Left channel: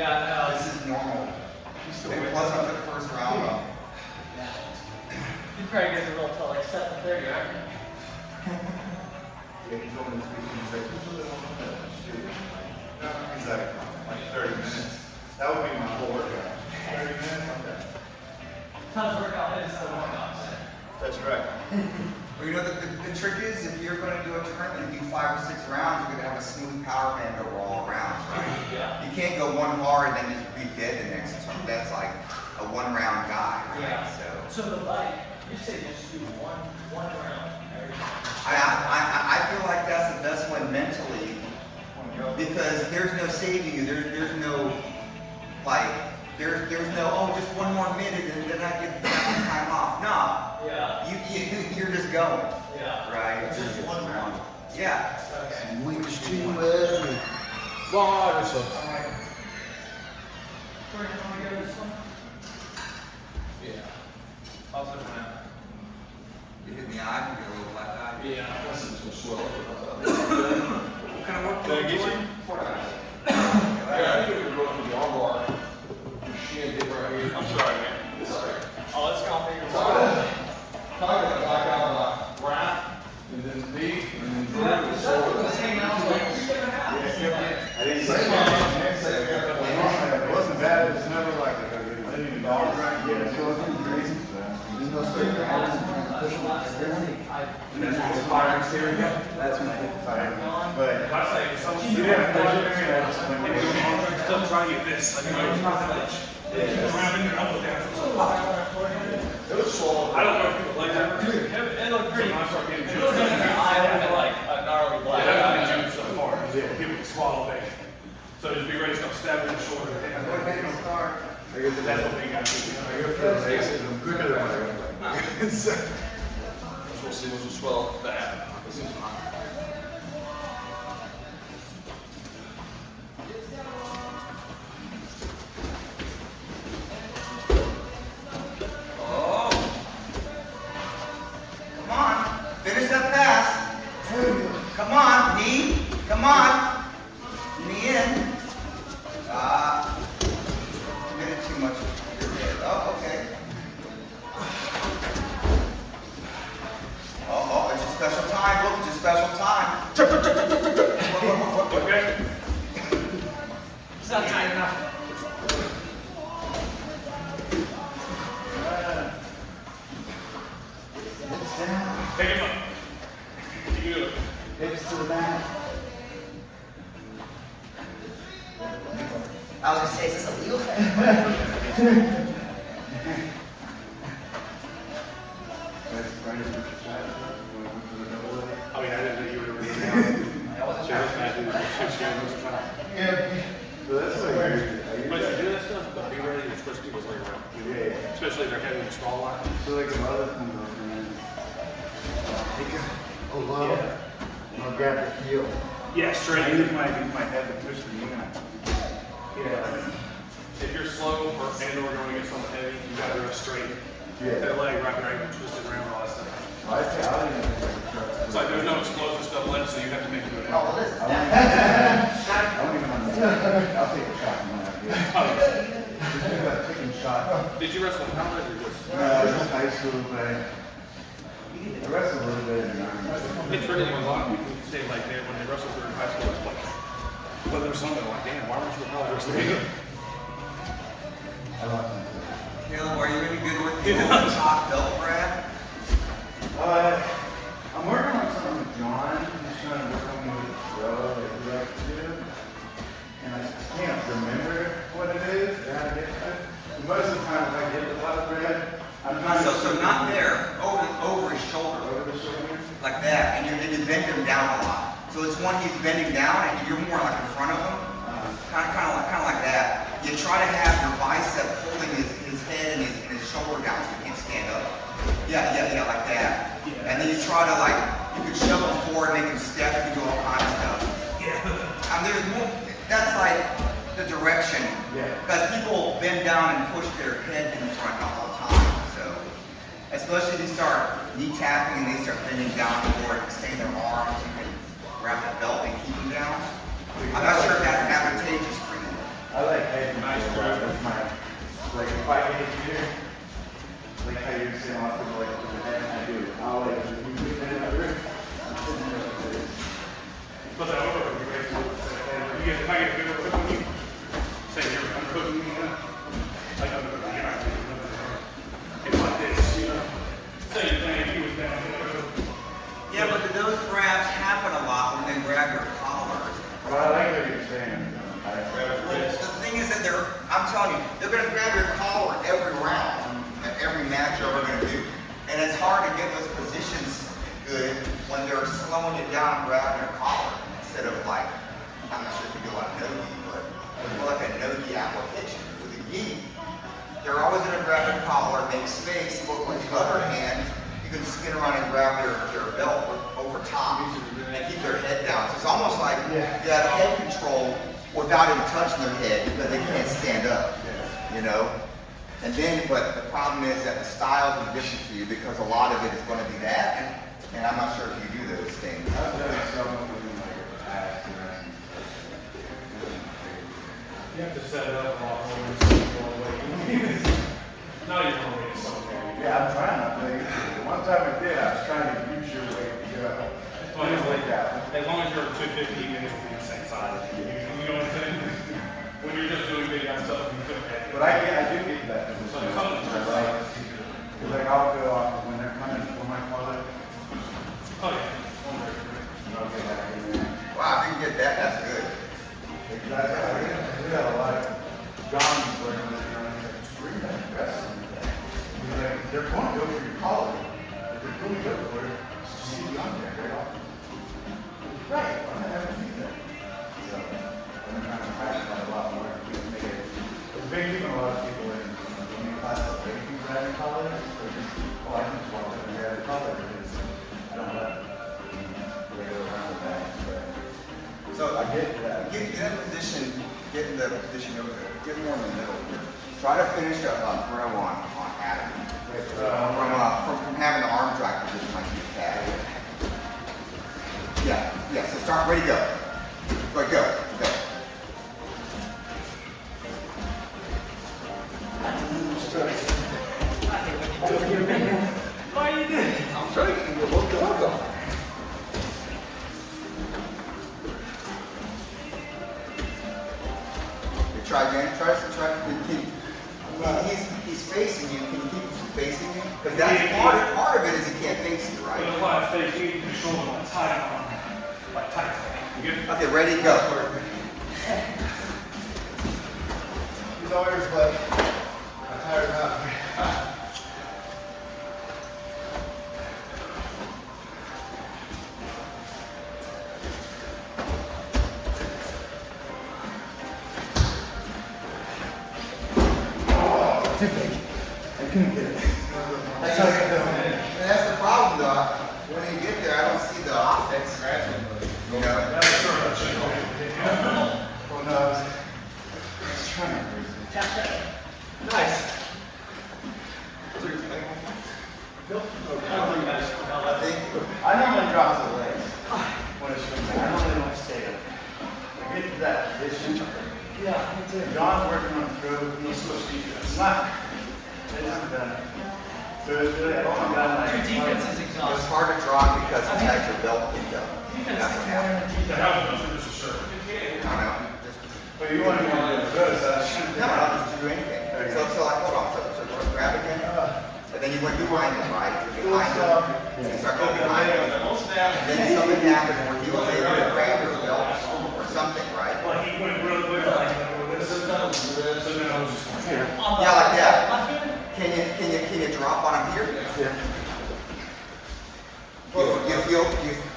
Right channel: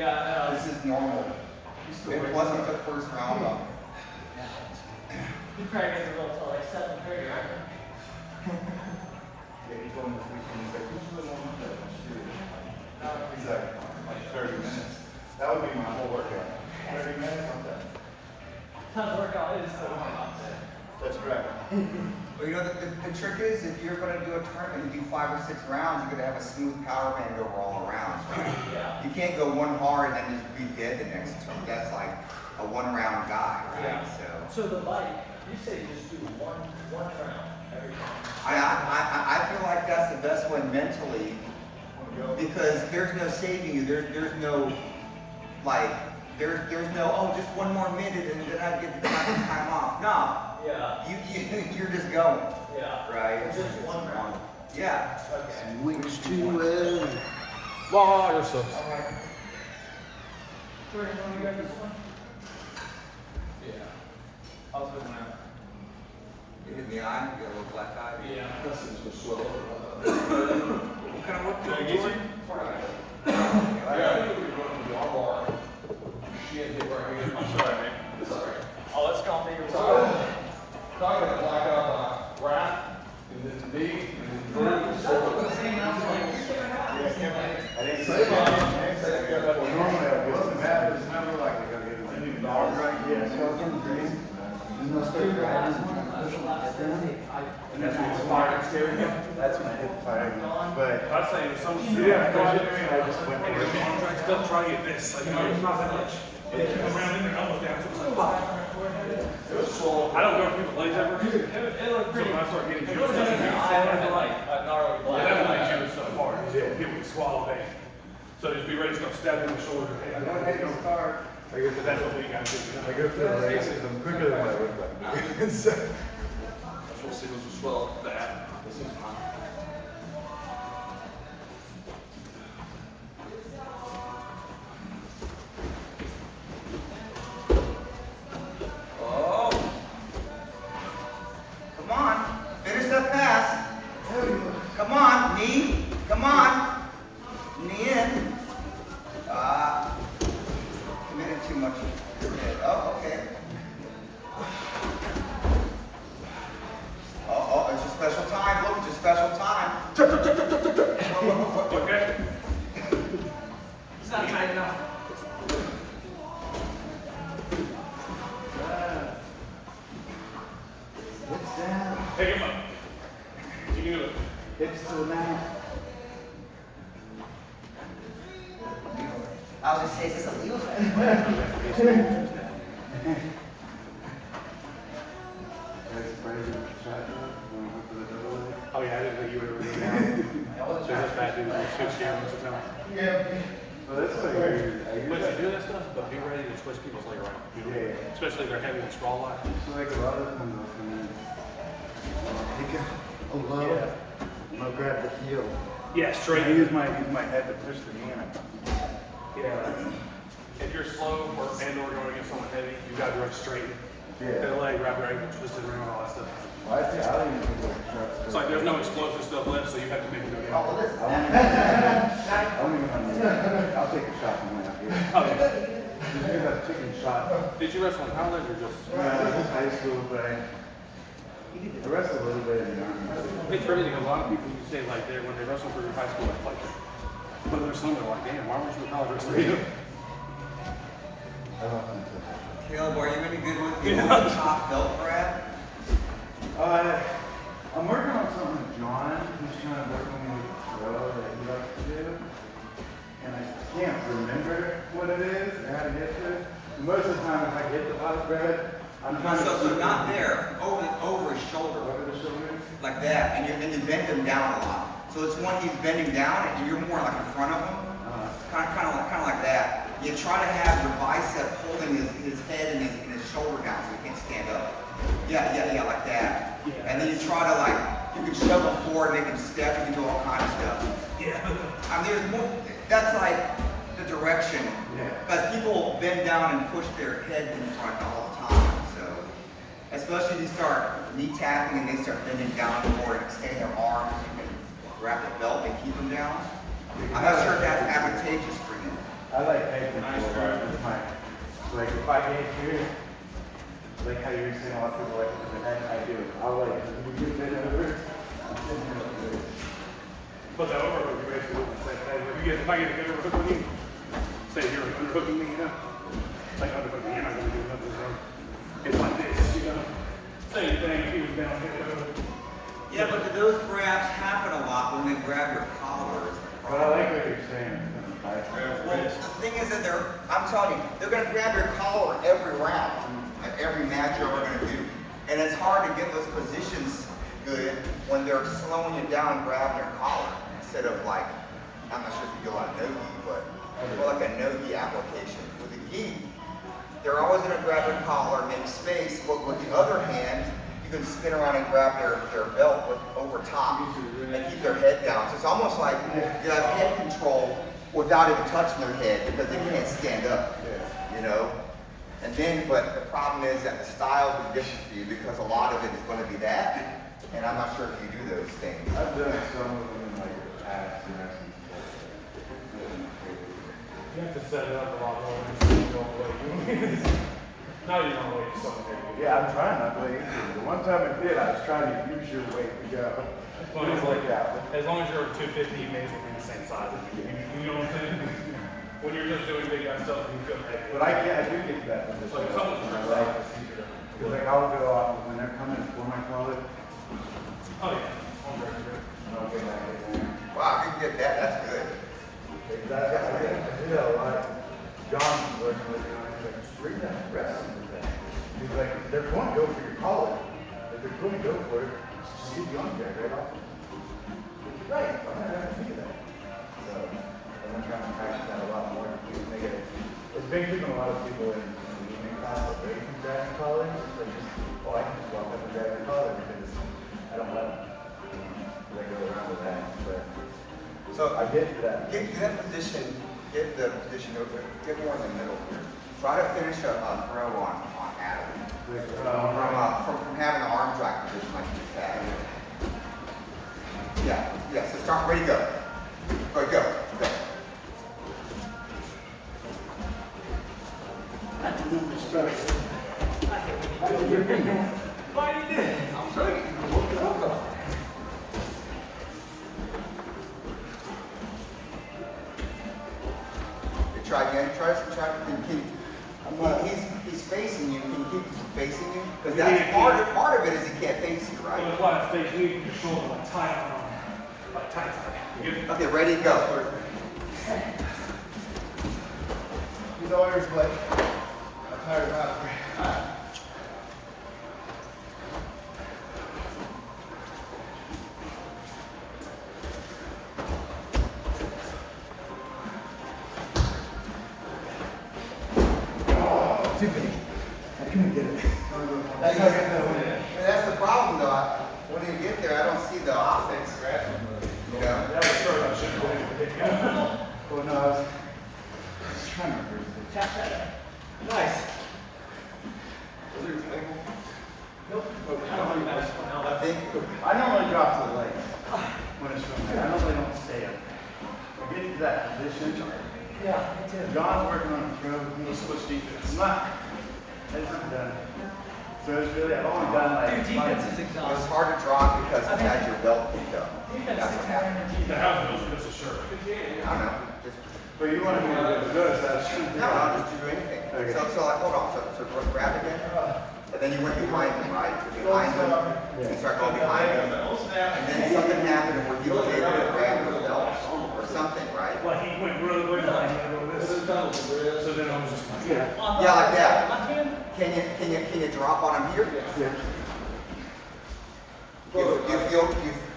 Yeah, This is normal. And plus, he took first round up. You probably get to go till like 7:30, right? Yeah, he's on this weekend. He's like, who's really on the He's like 30 minutes. That would be my whole workout. 30 minutes, like that. Time to work out is the warm-up. That's right. But you know, the trick is, if you're going to do a tournament and do 5 or 6 rounds, you're going to have a smooth power band over all rounds, right? Yeah. You can't go one hard and then just be dead the next time. That's like a 1-round guy, right? Yeah. So So the bike, you say just do one round every time. I feel like that's the best one mentally, because there's no saving you. There's no, like, there's no, oh, just 1 more minute and then I get the time off. No. Yeah. You're just going. Yeah. Right? Just 1 round. Yeah. Okay. Which to water so. Alright. Where do you want to go this one? Yeah. I'll take mine. You hit in the eye, you get a little black eye. Yeah. What kind of work do you get you? Yeah, I think we go to the arm bar. She ain't get right here. I'm sorry, man. It's all right. Oh, let's go. Talking about like wrap, and then knee, and then It wasn't bad. It's never like living dog right here. So it's getting crazy. That's when I hit the fire. But I'd say some yeah, I just went still trying to get this. Like, it's not that much. Around and your elbow down. it was swollen. I don't know if people like that. It looked pretty. So when I start getting It was juice, going to be like a gnarly yeah, black. that's what juice so far. People can swallow bait. So just be ready to stab in the shoulder. I'm going ahead and start. That's the thing you gotta do. I go for the legs. I'm quicker than my other leg. That's what see was a swell up bad. This is fine. Oh. Come on. Finish that pass. Come on. Knee. Come on. Knee in. Committed too much. Oh, okay. Oh, it's a special time. Look, it's a special time. Okay? It's not tight enough. Take him up. You can do it. Hips to the mat. I was going to say, is this a legal Oh yeah, I didn't know you were really. So that's bad. Yeah. So that's like Once you do that stuff, but be ready to twist people's leg right. Yeah. Especially if they're heavy and small line. So like a lot of times, he can pull out, you know, grab the heel. Yeah, straight. I use my head to push the knee out. Yeah. If you're slow or going against something heavy, you gotta do it straight. Yeah. That leg, wrap your ankle, twist it around, all that stuff. I think I don't even think I can trust. It's like there's no explosive stuff left, so you have to make it go down. I don't even understand. I'll take a shot from one after. Oh, You do that chicken shot. did you wrestle in college or just? Just high school, but the rest of a little bit. It's really a lot of people you say like when they wrestle through high school, it's like, but there's some that are like, damn, why weren't you in college wrestling? Caleb, are you any good with the top belt grab? I'm working on something with John. He's trying to work on me with Joe that he likes to do. And I can't remember what it is and how to get to it. And most of the time, if I get the pot bread, I'm trying to. So not there, over his shoulder, Over the shoulder. like that, and you bend him down a lot. So it's one he's bending down, and you're more like in front of him, kind of like that. You try to have your bicep holding his head and his shoulder down so he can't stand up. Yeah, like that. And then you try to you can shove him forward, make him step, you can do all kinds of stuff. Yeah. I mean, there's more, that's like the direction. Yeah. Because people bend down and push their head in front all the time. So, especially if you start knee tapping and they start bending down more and stay in their arms, you can grab the belt and keep them down. I'm not sure if that's advantageous for you. I like head control, bro. That's my, like, if I can hit here, like how you're saying, like, with the hand I do, I'll like, you get that over, I'm sitting there with this. Put that over, you guys do the same thing. You get, if I get a good cook on you, say here, I'm cooking you, like I'm cooking, you're not gonna do nothing wrong. It's like this, you know. Same thing, you down here. Yeah, but do those grabs happen a lot when they grab your collar? Well, I like what you're saying. Well, the thing is that I'm telling you, they're gonna grab your collar every round, at every match you're ever gonna do. And it's hard to get those positions good when they're slowing you down and grabbing your collar. Instead of like, I'm not sure if you go on no-gi, but more like a no-gi application. With a gi, they're always gonna grab your collar, make space, but with the other hand, you can spin around and grab their belt over top and keep their head down. So it's almost like you have head control without even touching their head because they can't stand up, you know? And then, but the problem is that the styles are different for you because a lot of it is going to be that, and I'm not sure if you do those things. I've done some of them in like your past and everything. You have to set it up a lot more than you go away. No, you don't know what something. Yeah, I'm trying not to play into it. One time I did, I was trying to use your weight to go. Things like that. As long as you're 250, you guys will be the same size. You know what I'm saying? When you're just doing big ass stuff, you feel okay. But I do get that. Like something It's like I'll go off when they're coming for my collar, Oh, yeah. and I'll get back in there. Wow, if you can get that, that's good. Exactly. I do that a lot. John's working with me on it. Bring that dress with that. He's like, they're going to go for your collar. If they're going to go for it, just leave you on there right off. Right. I'm not having to do that. So, I've been trying to practice that a lot more. It's been keeping a lot of people in class away from grabbing collars. So just, oh, I can just walk up and grab the collar because I don't let them. They go around with that. But, So I get that. Get that position, get the position over there, get more in the middle here. Try to finish a throw on Adam. From having the arm drag position like you had. Yeah, so start, ready, go. Go. What you did? I'm sure you can go look the off. Try again. Try. He's facing you. Can you keep facing you? Because that's part of it is he can't face you, For the right? last stage, you need to show them like tight on. Like tight. You good? Okay, ready, go. He's always like, I'm tired of too big. I couldn't get it. That's the problem, though. When they get there, I don't see the optics. You know. Well, no, I was trying to. Nice. I think. I normally drop to the legs when it's swimming. I normally don't stay up. I get into that position. Yeah, me too. John's working on the throw. He's supposed to defense. Not. It's not done. So it's really, I've only done like. Dude, defense is It was exhausting. hard to draw because it's had your belt picked up. Defense That's is what more happened. than The defense. house goes to this shirt. I don't know. Just, But you wanted me to do this, so I shouldn't do no, that. just do anything. Okay. So like, hold on. So grab again. And then you went behind him, right? Behind him. You start going behind him. And then something happened where he was able to grab his belt or something, right? Like he went really quick. Like this. So then I was just. Yeah, like that. Can you drop on him here? Yeah. You feel,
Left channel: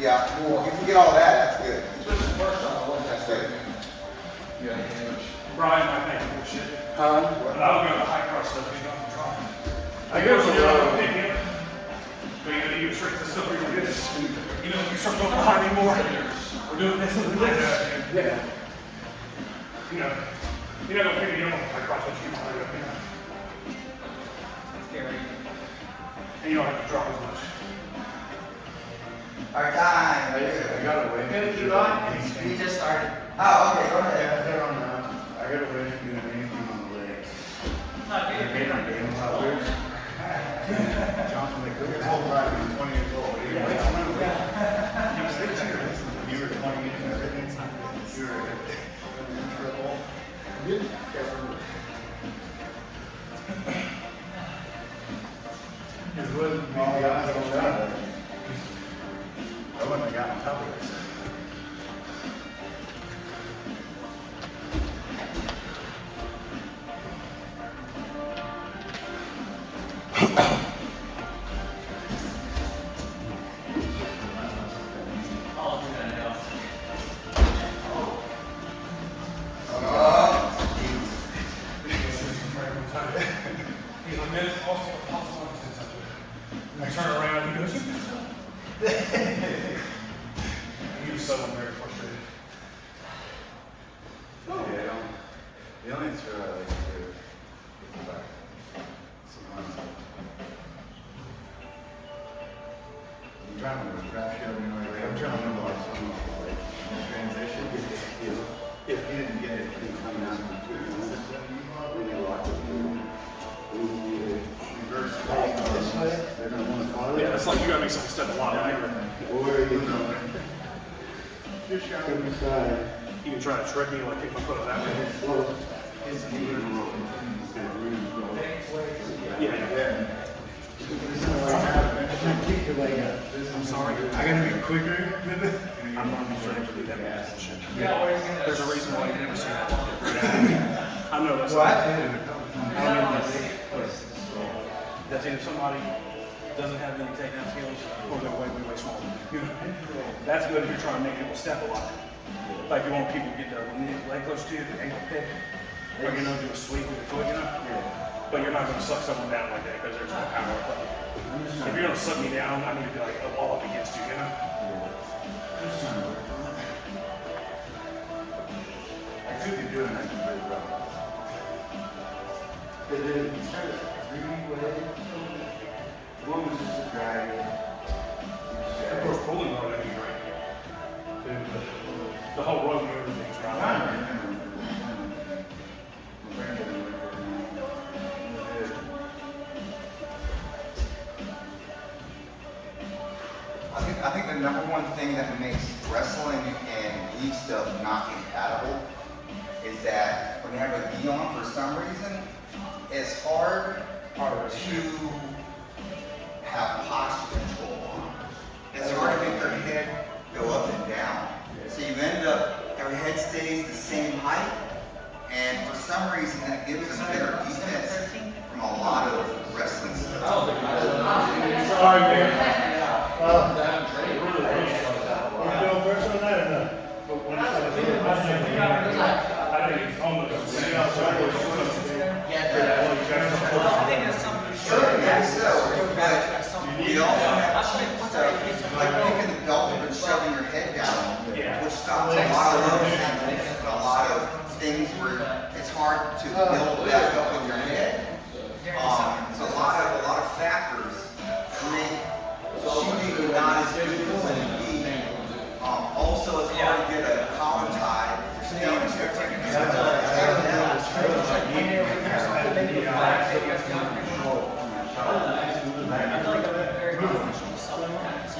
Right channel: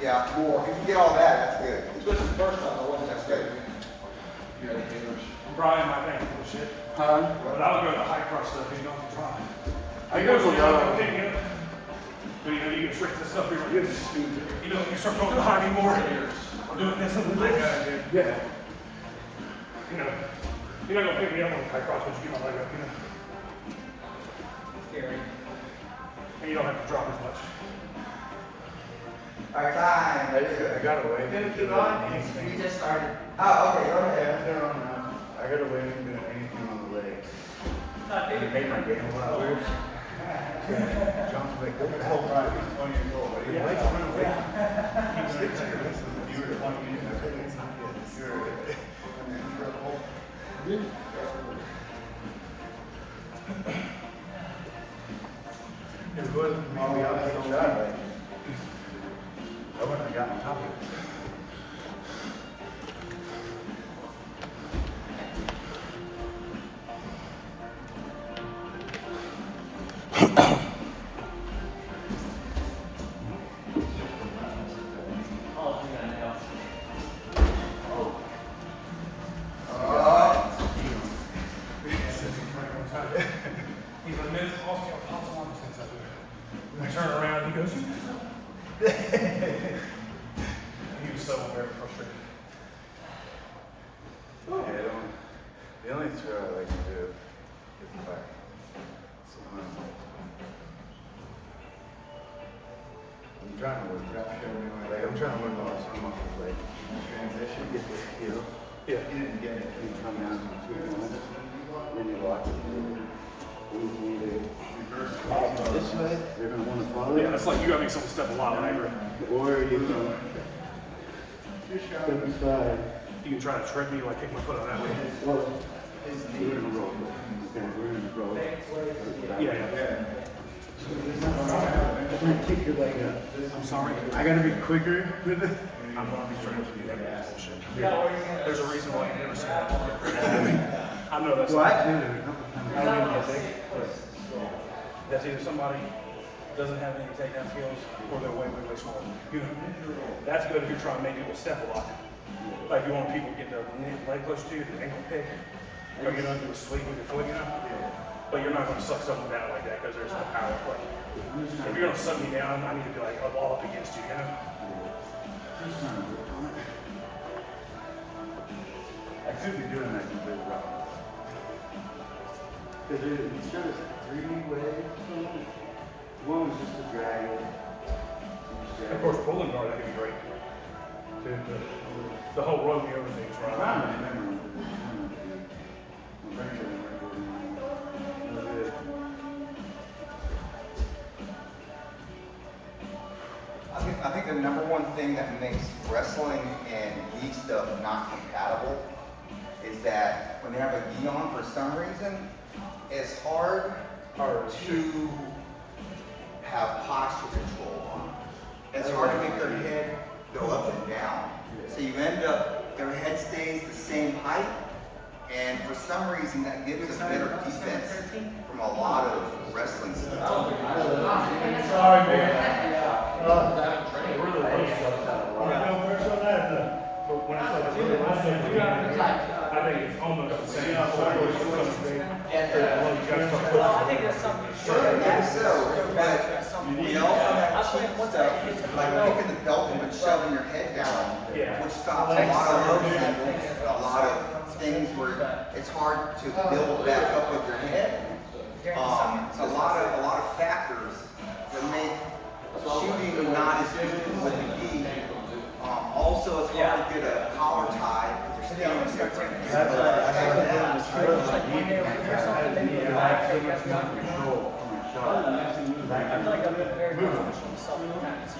yeah, cool. You can get all that, that's good. That's good. Brian, I think for shit. Huh? But I'll go to high cross stuff. You don't have to try. I go for low. Pick me up. But you know, you restrict the stuff like this. You know, you start going behind me more. We're doing this and this. Yeah. You know, you're not gonna pick me up on the high cross, but you keep my leg up, you know. Scary. And you don't have to drop as much. All right, time. I got away. We just started. Oh, okay, go ahead. Yeah, they're on now. I got away I turn around and he goes, he was so very frustrated. The only throw I like to do is go back. Sometimes I'm trying to work out, like I'm trying to move on so much like transition. Yeah. He didn't get it, he was coming out of the when you walk it through. Reverse this way, they're gonna want to follow it. Yeah, it's like you gotta make someone step a lot higher. Or you know, step aside. You can try to trick me, like take my foot out that way. His knee in a roll. Okay, really roll. Yeah. Kick your leg up. I'm sorry. I gotta be quicker with it. I'm gonna be straight to the heavy ass and shit. There's a reason why you never see that. I know that's Well, I like, did it a couple times. I mean, like, that's either somebody doesn't have any takedown skills or they're way, way, way smaller. You know, that's good if you're trying to make people step a lot. Like you want people to get their leg close to you, their ankle pick, or you know, do a sweep with your foot, you know. But you're not gonna suck someone down like that because there's no power play. If you're gonna suck me down, I need to be like a wall up against you, you know. I could be doing that with rubber. But then instead of whatever, one was just a drag. Of course, pulling more, that'd be great. The whole rodeo thing's right. I think the number one thing that makes wrestling and gi stuff not compatible is that when you have a gi on, for some reason, it's hard to have posture control on. It's hard to get their head go up and down. So you end up, their head stays the same height, and for some reason that gives us better defense from a lot of wrestling stuff. Sorry, man. Want to go first on that or no? I think that's something you Sure, should. maybe so, That's but something we you also should. have I cheap think once stuff, I get to like picking the belt up and shoving your head down, which stops a lot of those things, a lot of things where it's hard to build back up with your head. It's a lot of factors that make shooting not as good as it would be. Also, it's hard to get a collar tie. If you're standing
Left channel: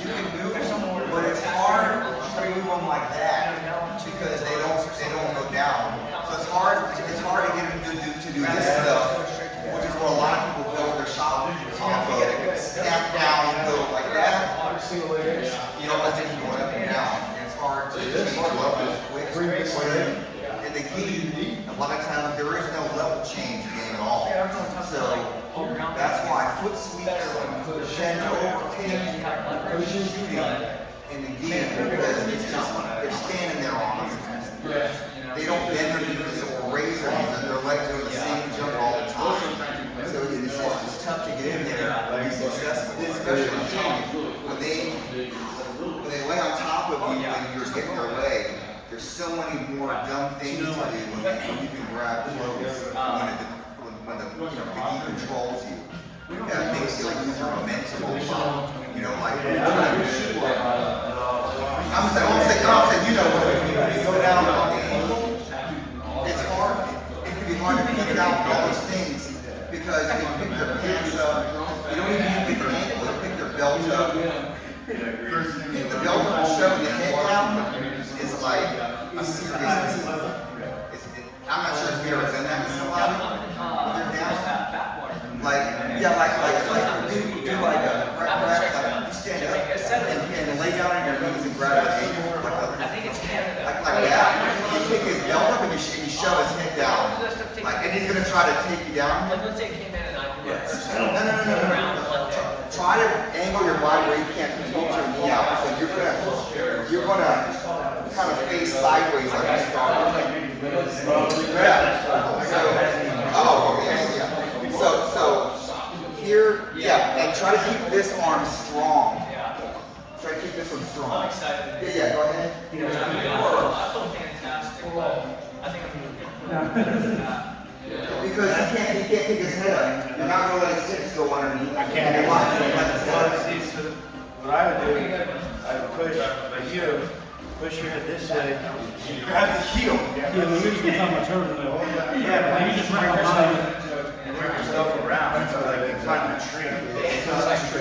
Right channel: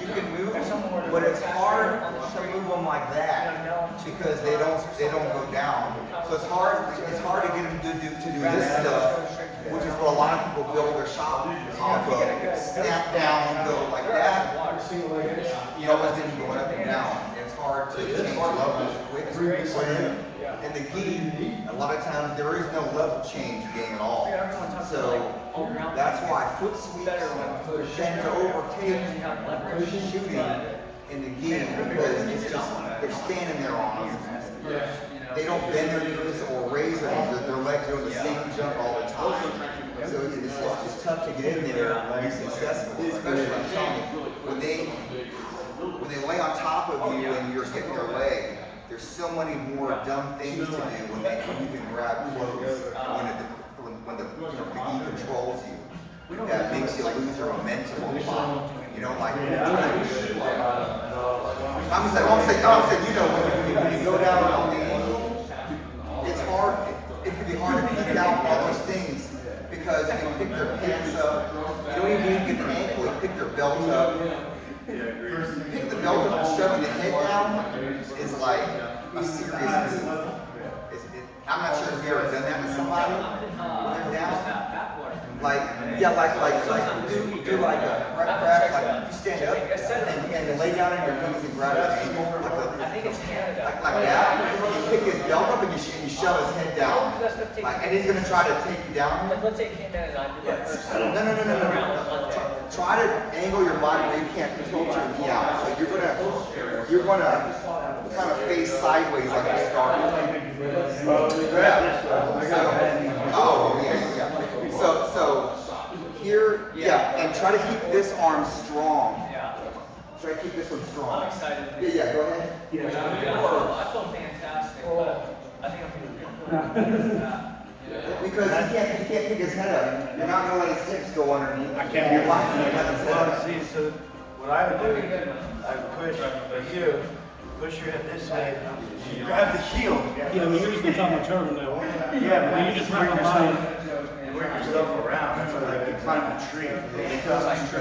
you can move them, but it's hard to move them like that because they don't go down. So it's hard to get them to do this stuff, which is what a lot of people build their shop off of. Snap down, build like that. You don't want them going up and down. It's hard to change levels quick. In the gi, a lot of times there is no level change game at all. So that's why foot sweeps tend to overtake shooting in the gi because it's just they're standing there on them. They don't bend their knees or raise their knees, their legs are in the same jump all the time. So it's just tough to get in there and be successful, especially when they lay on top of you and you're getting their leg. There's so many more dumb things to do when you can grab clothes when the gi controls you. That makes you lose your momentum a lot. You know, like I'm saying, you know, when you go down on the, it's hard. It can be hard to pick out all those things because you can pick their pants up. You don't even need to pick their ankle. You pick their belt up. Picking the belt up and shoving the head down is like a serious. I'm not sure if you ever grab his ankle, like I think it's Canada. like that. You pick his belt up and you shove his head down. Like, and he's gonna try to take you down. Like, let's say it came in and I do it first. No. Try to angle your body where you can't control your knee out. So you're gonna kind of face sideways like you started. Yeah. So here, yeah, and try to keep this arm strong. Yeah. Try to keep this one strong. I'm excited. Yeah, go ahead. I feel fantastic. I think I'm going to do that. Because he can't take his head up. You're not gonna let his hips go underneath. I can't. Well, see, so what I would do, I would push, but you push your head this way, you grab the heel. Yeah, we usually talk about turbo. Yeah, but You just bring work your yourself, body. you work yourself around, so like you climb a tree. If you feel that, you can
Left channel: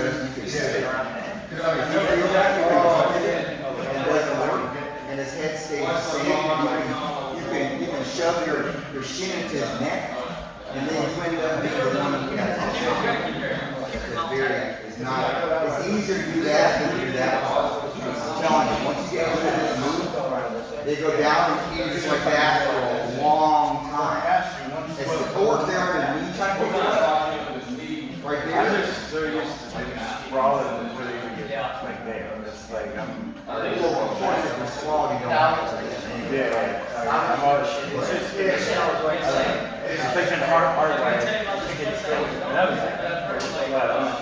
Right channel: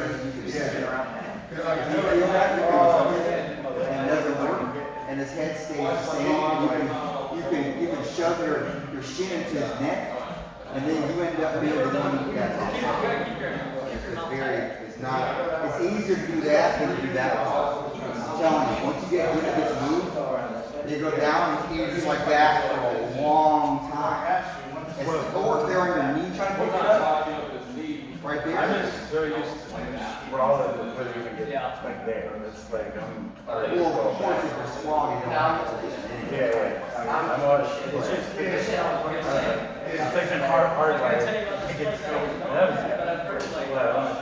and it doesn't work, and his head stays the same, you can shove your shin into his neck, and then you end up being the one who has it's easier to do that than to do that. I'm telling you, once you get good at this move, they go down and keep just like that for a long time. It's the core there on your knee trying to pick it up. Right there. They're used to sprawling before they even get like there. It's like, Well, of course, if you're strong, you don't have to. I'm always, it's like been hard, right? That was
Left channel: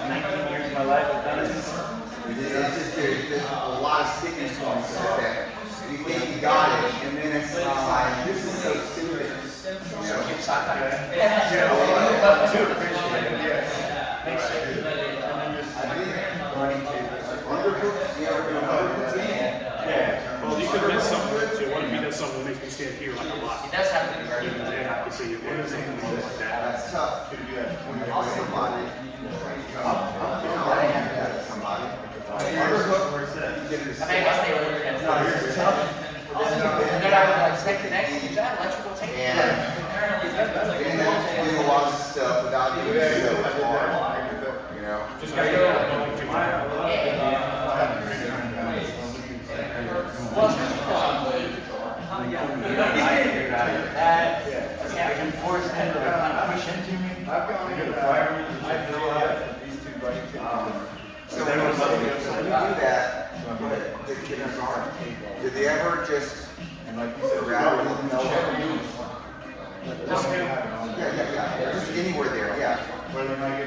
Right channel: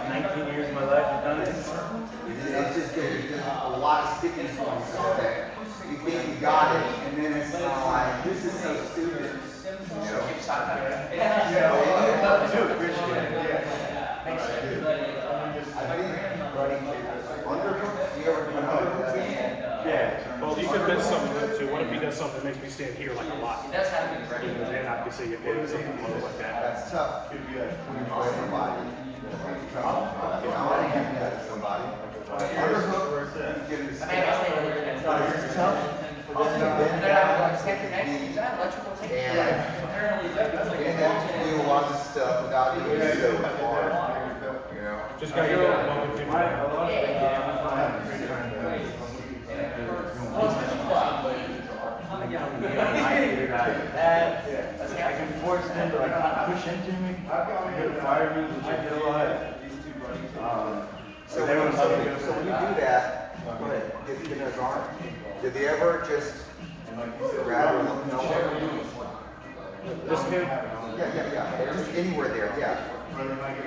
19 years of my life I've done it. It's just there's a lot of stickiness points like that. You think you got it, and then it's like, this is so serious. Well, he could have done something too. What if he does something that makes me stand here like a lot? He does have to be very And then I can see if there's something like that. That's tough. Somebody. Somebody. Underhook. I may have to stay with it. It's tough. And then do lots of stuff without doing so hard. You know? Just gotta get I can force them to like not push into me. They'll fire me, which I feel like. So when we do that, good kids aren't. Did they ever just grab a lapel? Yeah. Just anywhere there, yeah.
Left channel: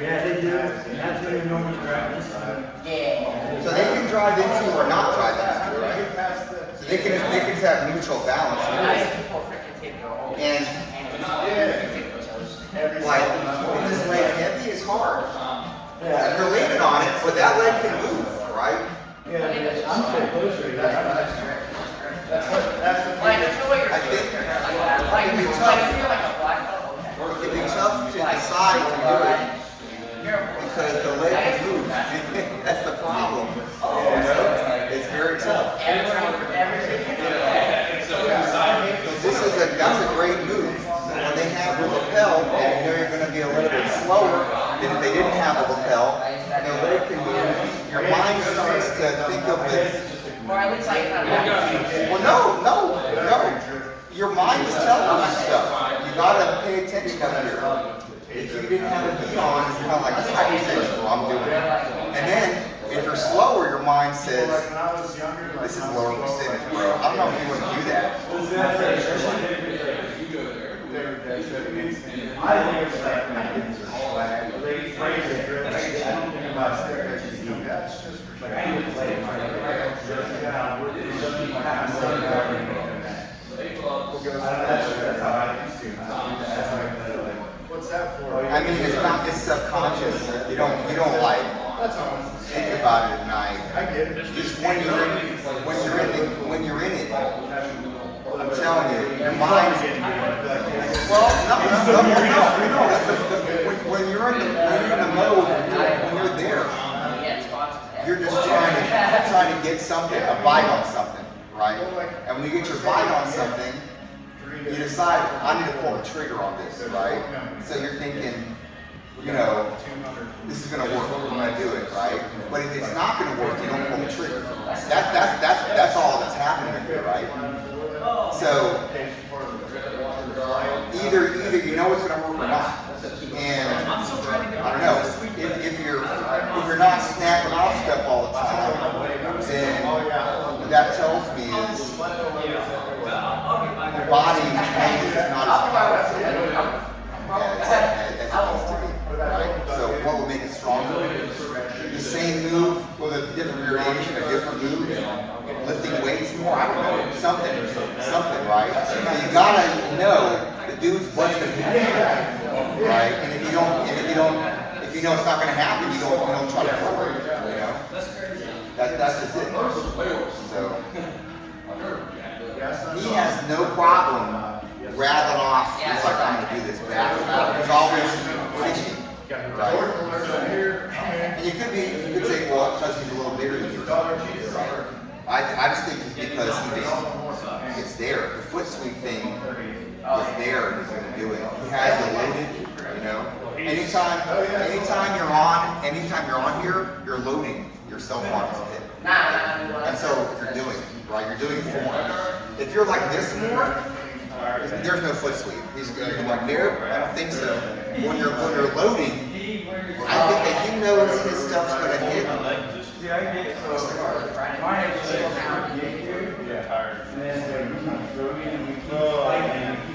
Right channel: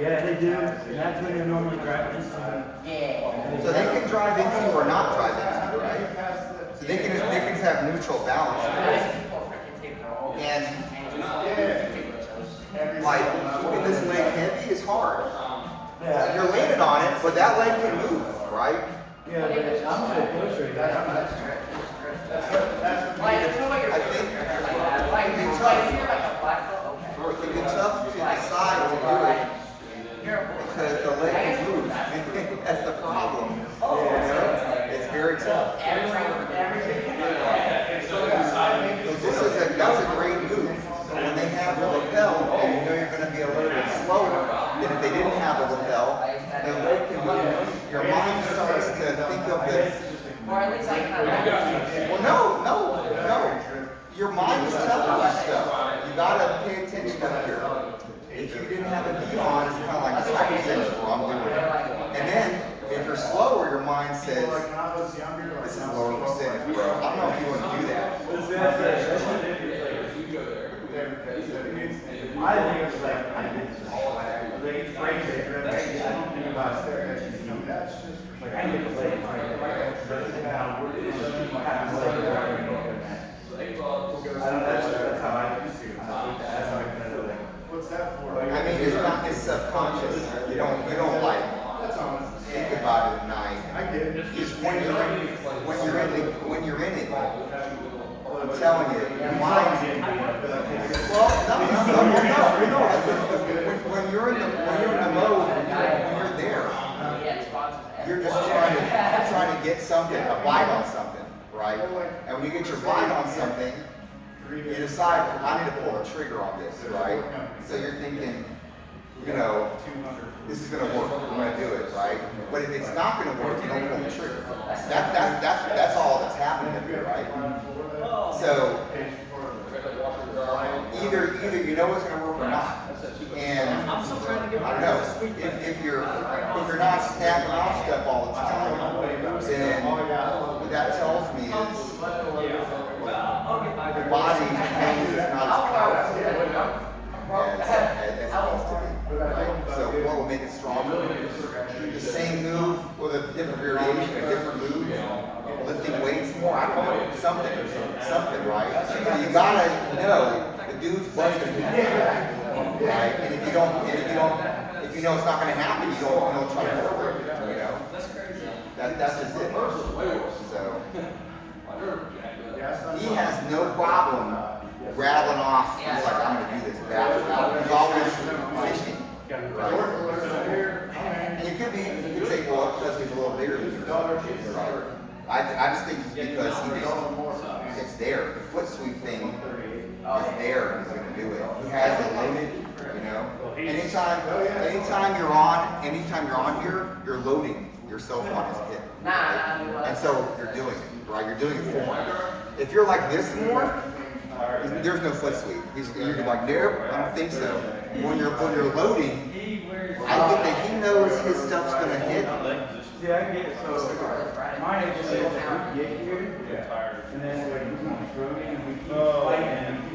Yeah, they do. And that's when you're normally grabbing. So they can drive into or not drive into, right? So they can just have neutral balance. And like when this leg heavy is hard. You're landed on it, but that leg can move, right? I'm so closer. I think it can be tough. It can be tough to decide to do it because the leg can move. That's the problem. It's very tough. That's a great move. When they have the lapel, and you know you're going to be a little bit slower than if they didn't have the lapel, the leg can move. Your mind starts to think of this. Well, no. Your mind is telling you stuff. You gotta pay attention up here. If you didn't have a beat on, it's kind of like this hypertension, well, I'm doing it. And then, if you're slower, your mind says, this is lower percentage, bro. I'm not going to do that. I think it's like, I don't think about like I need to play it. That's how I think. I mean, it's not this subconscious. You don't like think about it at night. Just when you're in it, I'm telling you, your mind. Well, no. When you're in the mode, when you're there, you're just trying to get something, a bite on something, right? And when you get your bite on something, you decide, I need to pull the trigger on this, right? So you're thinking, this is going to work. I'm going to do it, right? But if it's not going to work, you don't pull the trigger. that's all that's happening here, right? So either you know it's gonna work or not. And I'm still trying to get I don't know, if you're not snapping off stuff all the time, then what that tells me is I'll get by the there. body is not as powerful as it needs to be, right? So what will make it stronger? The same move with a different variation, a different move, lifting weights more, I don't know, something, right? So you gotta know the dude's busting his head, right? And if you know it's not gonna happen, you don't try to forward, you know? That's crazy. That's just it. So he has no problem rattling off. He's like, I'm gonna do this bad. He's always fishing, right? And you could say, well, because he's a little bigger than you, right? I just think it's because it's there. The foot sweep thing is there, and he's gonna do it. He has it loaded, you know. Anytime you're on here, you're loading yourself on his hip. And so you're doing it, right? You're doing it for him. If you're like this more, there's no foot sweep. You're like, nope, I don't think so. When you're loading, I think that he knows his stuff's gonna hit. Yeah, I get it. So, my exercise, we get here, and then we keep struggling, and we keep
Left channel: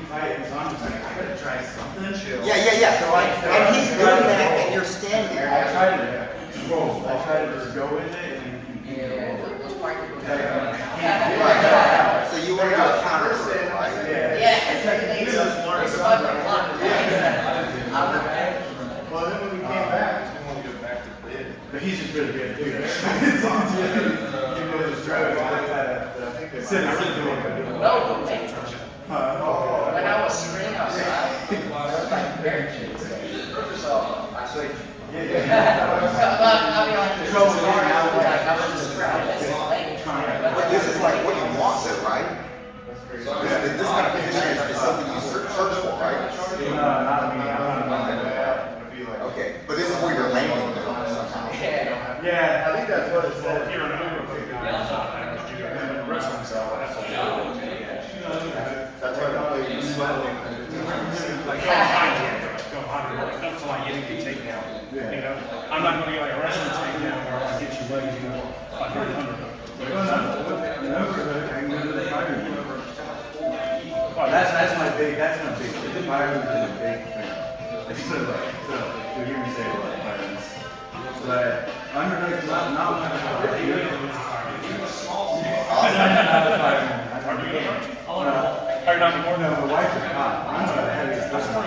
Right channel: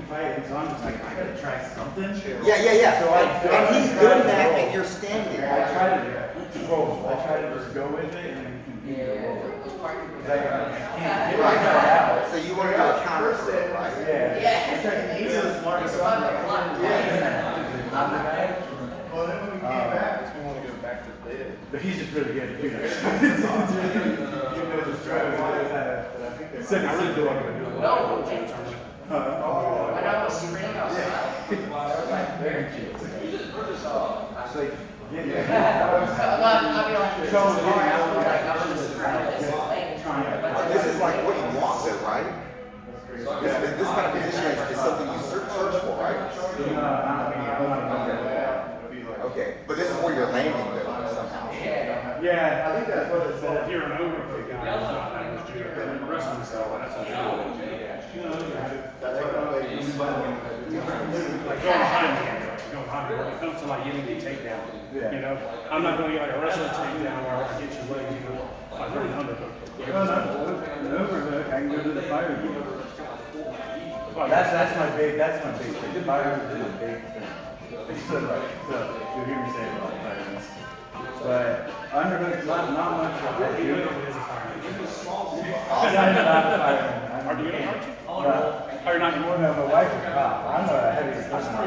fighting, so I'm just like, I gotta try something. Yeah. So and he's doing that, and you're standing I there. try to roll. I try to just go with it and continue to roll. Right. So you want to do a counter throw, right? Well, then when we came back, we want to go back to bed. But he's just really good too. He knows his stride. I think they're sitting doing it. No, when I was 3, I was like, very chill. So, I mean, on the trouble getting out, like, I was just around this thing. But this is like what you want, though, right? This kind of position is something you search for, right? Not me. I'm not a member. Okay, but this is where you're landing, though, somehow. Yeah, I think that's what it said. Here in Over, wrestling style, that's what That's what like go behind when it comes to like getting the takedown. Yeah. You know, I'm not going to get like a wrestling takedown where I get you legs, you know, like an underhook. An overhook, I can do the fire move. That's my big thing. The fire move is a big thing. So you hear me say it a lot of times. But underhook, not much of it. I'm not a fireman. Are you going to hurt you? No. Or not anymore? No, my wife is not. I'm a heavy. That's not